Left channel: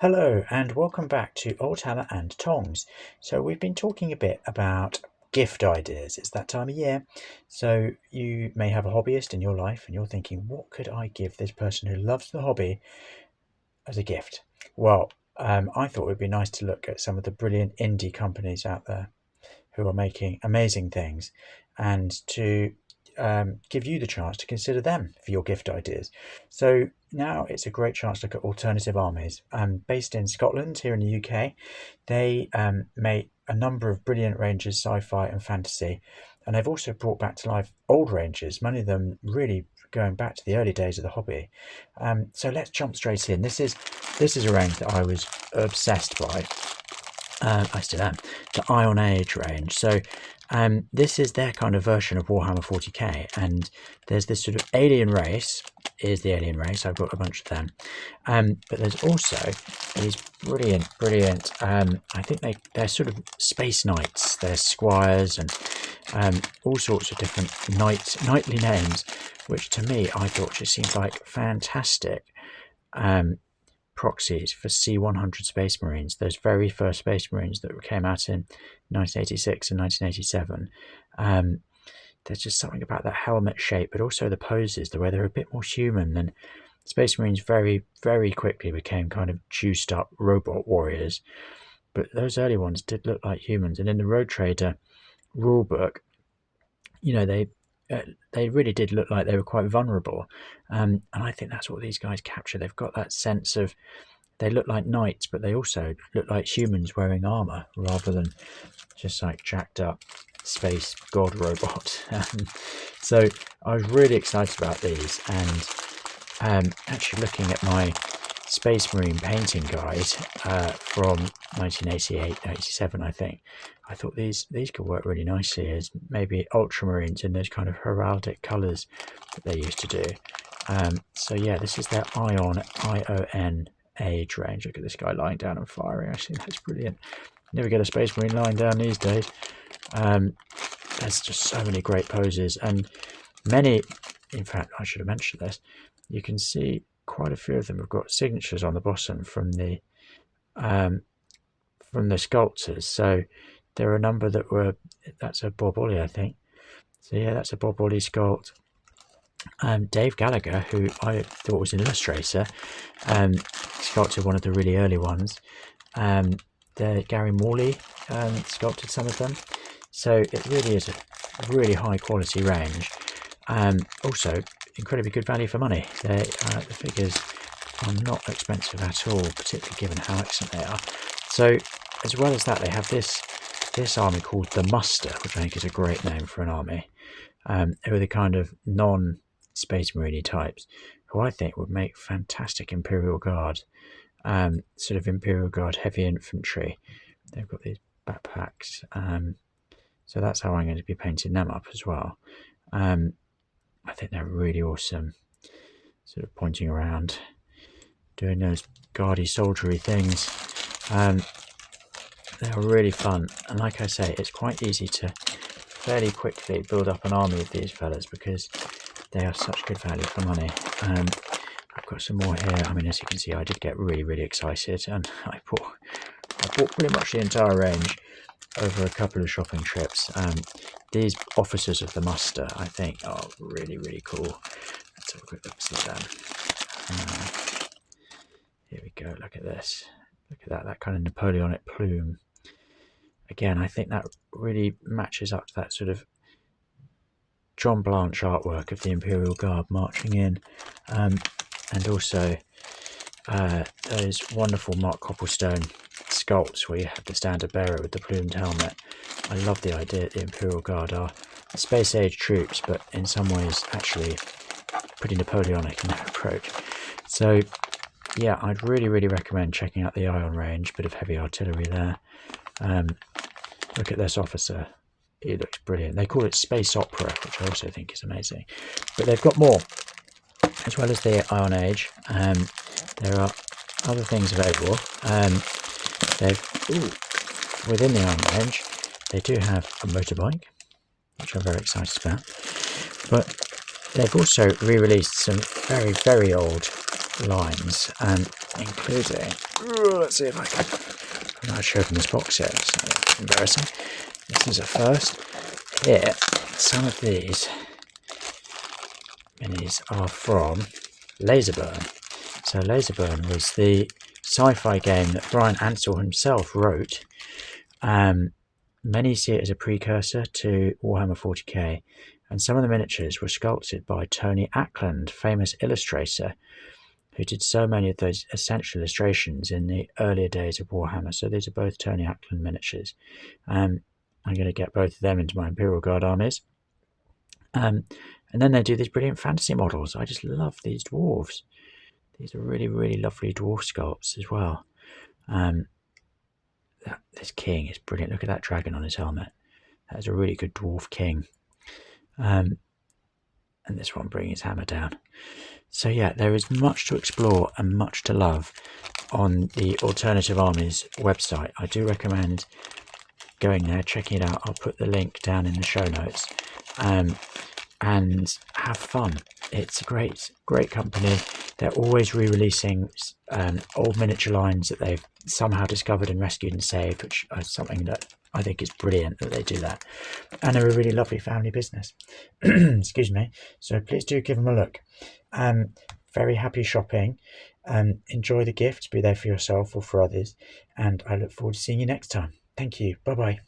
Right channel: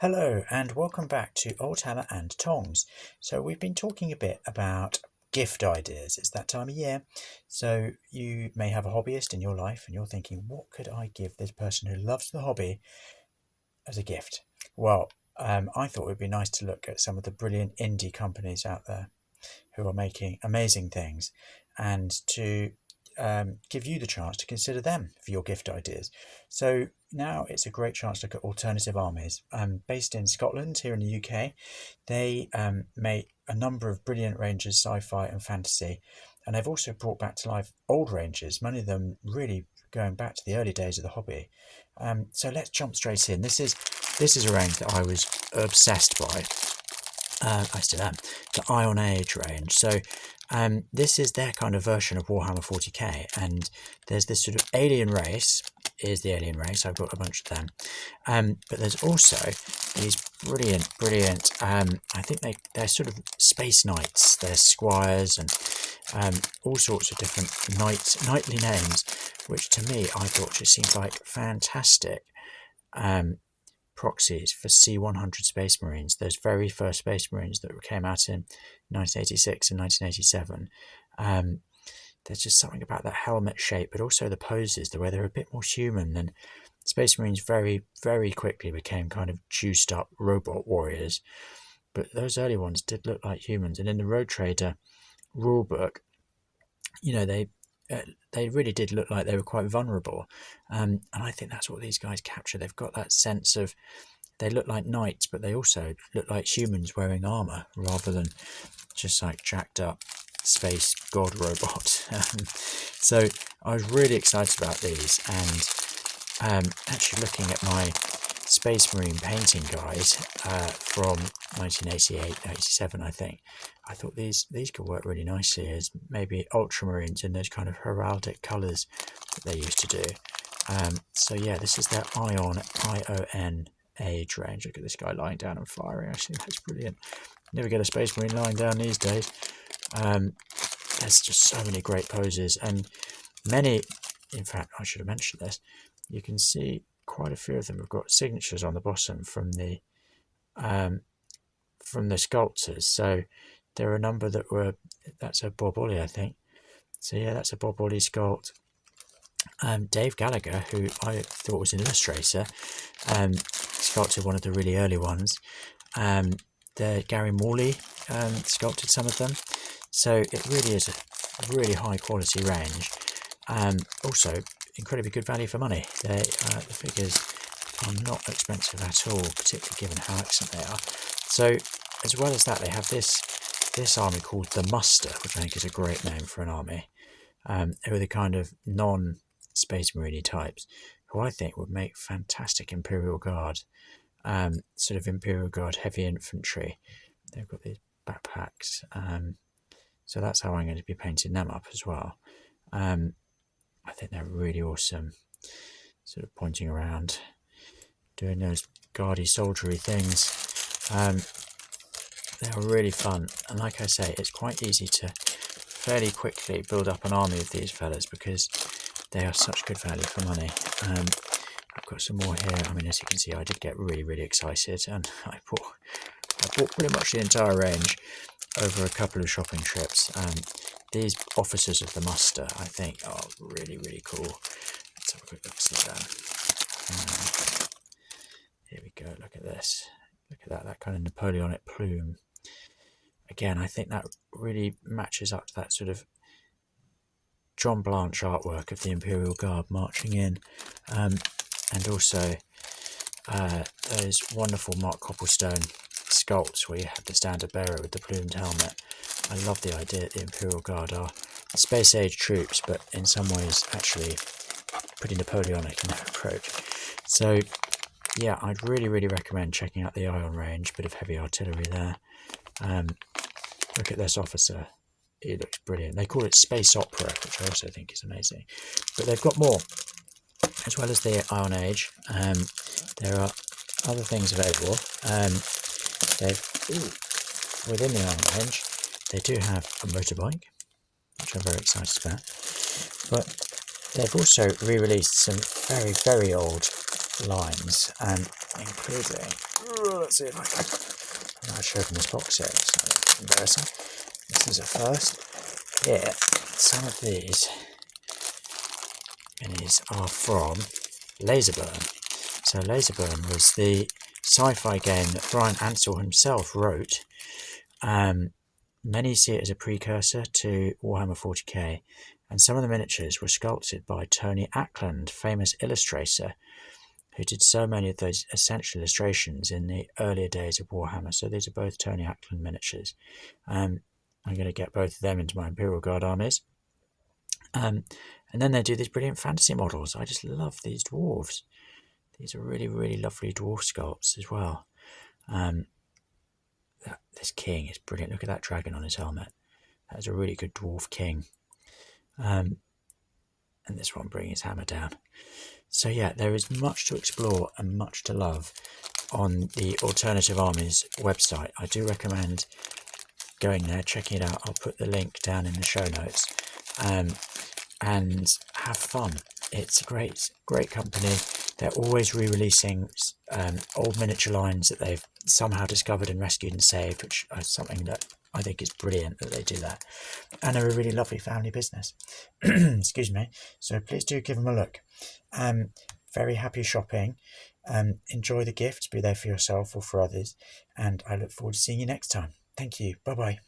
Hello and welcome back to Old Hammer and Tongs. So we've been talking a bit about gift ideas. It's that time of year. So you may have a hobbyist in your life and you're thinking, what could I give this person who loves the hobby as a gift? Well, I thought it would be nice to look at some of the brilliant indie companies out there who are making amazing things and to give you the chance to consider them for your gift ideas. So now it's a great chance to look at Alternative Armies. Based in Scotland, here in the UK, they make a number of brilliant ranges, sci-fi and fantasy, and they've also brought back to life old ranges, many of them really going back to the early days of the hobby. So let's jump straight in. This is a range that I was obsessed by. I still am. The Iron Age range. So this is their kind of version of Warhammer 40k, and there's this sort of alien race. Is the alien race? I've got a bunch of them. But there's also these brilliant. I think they're sort of space knights. They're squires and all sorts of different knightly names, which to me I thought just seemed like fantastic. Proxies for C-100 Space Marines, those very first Space Marines that came out in 1986 and 1987. There's just something about that helmet shape, but also the poses, the way they're a bit more human. And Space Marines very, very quickly became kind of juiced up robot warriors. But those early ones did look like humans. And in the Road Trader rulebook, you know, they really did look like they were quite vulnerable, and I think that's what these guys capture. They've got that sense of, they look like knights, but they also look like humans wearing armor rather than just like jacked up space god robot. So I was really excited about these, and actually looking at my Space Marine painting guide from 1988-87, I think. I thought these could work really nicely as maybe ultramarines in those kind of heraldic colours that they used to do. So yeah, this is their ION Age range. Look at this guy lying down and firing. Actually, that's brilliant. Never get a Space Marine lying down these days. There's just so many great poses, and many, in fact, I should have mentioned this. You can see quite a few of them have got signatures on the bottom from the sculptors. So there are a number that were, that's a Bob Ollie, I think. So yeah, that's a Bob Ollie sculpt. Dave Gallagher, who I thought was an illustrator, sculpted one of the really early ones. The Gary Morley sculpted some of them. So it really is a really high quality range. Also incredibly good value for money. The figures are not expensive at all, particularly given how excellent they are. So as well as that, they have this army called the Muster, which I think is a great name for an army, who are the kind of non-Space Marine types, who I think would make fantastic Imperial Guard, sort of Imperial Guard heavy infantry. They've got these backpacks, so that's how I'm going to be painting them up as well. I think they're really awesome, sort of pointing around, doing those guardy soldiery things. They're really fun, and like I say, it's quite easy to fairly quickly build up an army of these fellas because they are such good value for money. I've got some more here. I mean, as you can see, I did get really excited, and I bought pretty much the entire range over a couple of shopping trips. These officers of the Muster, I think, are really cool. Let's have a quick look at that. Here we go. Look at this. Look at that kind of Napoleonic plume. Again, I think that really matches up to that sort of John Blanche artwork of the Imperial Guard marching in, and also those wonderful Mark Copplestone sculpts where you have the standard bearer with the plumed helmet. I love the idea that the Imperial Guard are space age troops, but in some ways actually pretty Napoleonic in their approach. So yeah, I'd really recommend checking out the Ion range. Bit of heavy artillery there. Look at this officer. He looks brilliant. They call it Space Opera, which I also think is amazing. But they've got more. As well as the Ion Age, there are other things available. Within the Ion range, they do have a motorbike, which I'm very excited about. But they've also re-released some very old lines, including Let's see if I can. I'm not sure from this box set. It's embarrassing. This is a first. Here, some of these minis are from Laserburn. So Laserburn was the sci-fi game that Brian Ansell himself wrote. Many see it as a precursor to Warhammer 40k, and some of the miniatures were sculpted by Tony Ackland, famous illustrator, who did so many of those essential illustrations in the earlier days of Warhammer. So these are both Tony Ackland miniatures. I'm going to get both of them into my Imperial Guard armies. And then they do these brilliant fantasy models. I just love these dwarves. These are really, really lovely dwarf sculpts as well. This king is brilliant. Look at that dragon on his helmet. That is a really good dwarf king. And this one bringing his hammer down. So yeah, there is much to explore and much to love on the Alternative Armies website. I do recommend going there, checking it out. I'll put the link down in the show notes. And have fun. It's a great company. They're always re-releasing old miniature lines that they've somehow discovered and rescued and saved, which is something that I think is brilliant that they do that. And they're a really lovely family business. Excuse me. So please do give them a look. Very happy shopping. Enjoy the gifts, be there for yourself or for others. And I look forward to seeing you next time. Thank you. Bye-bye.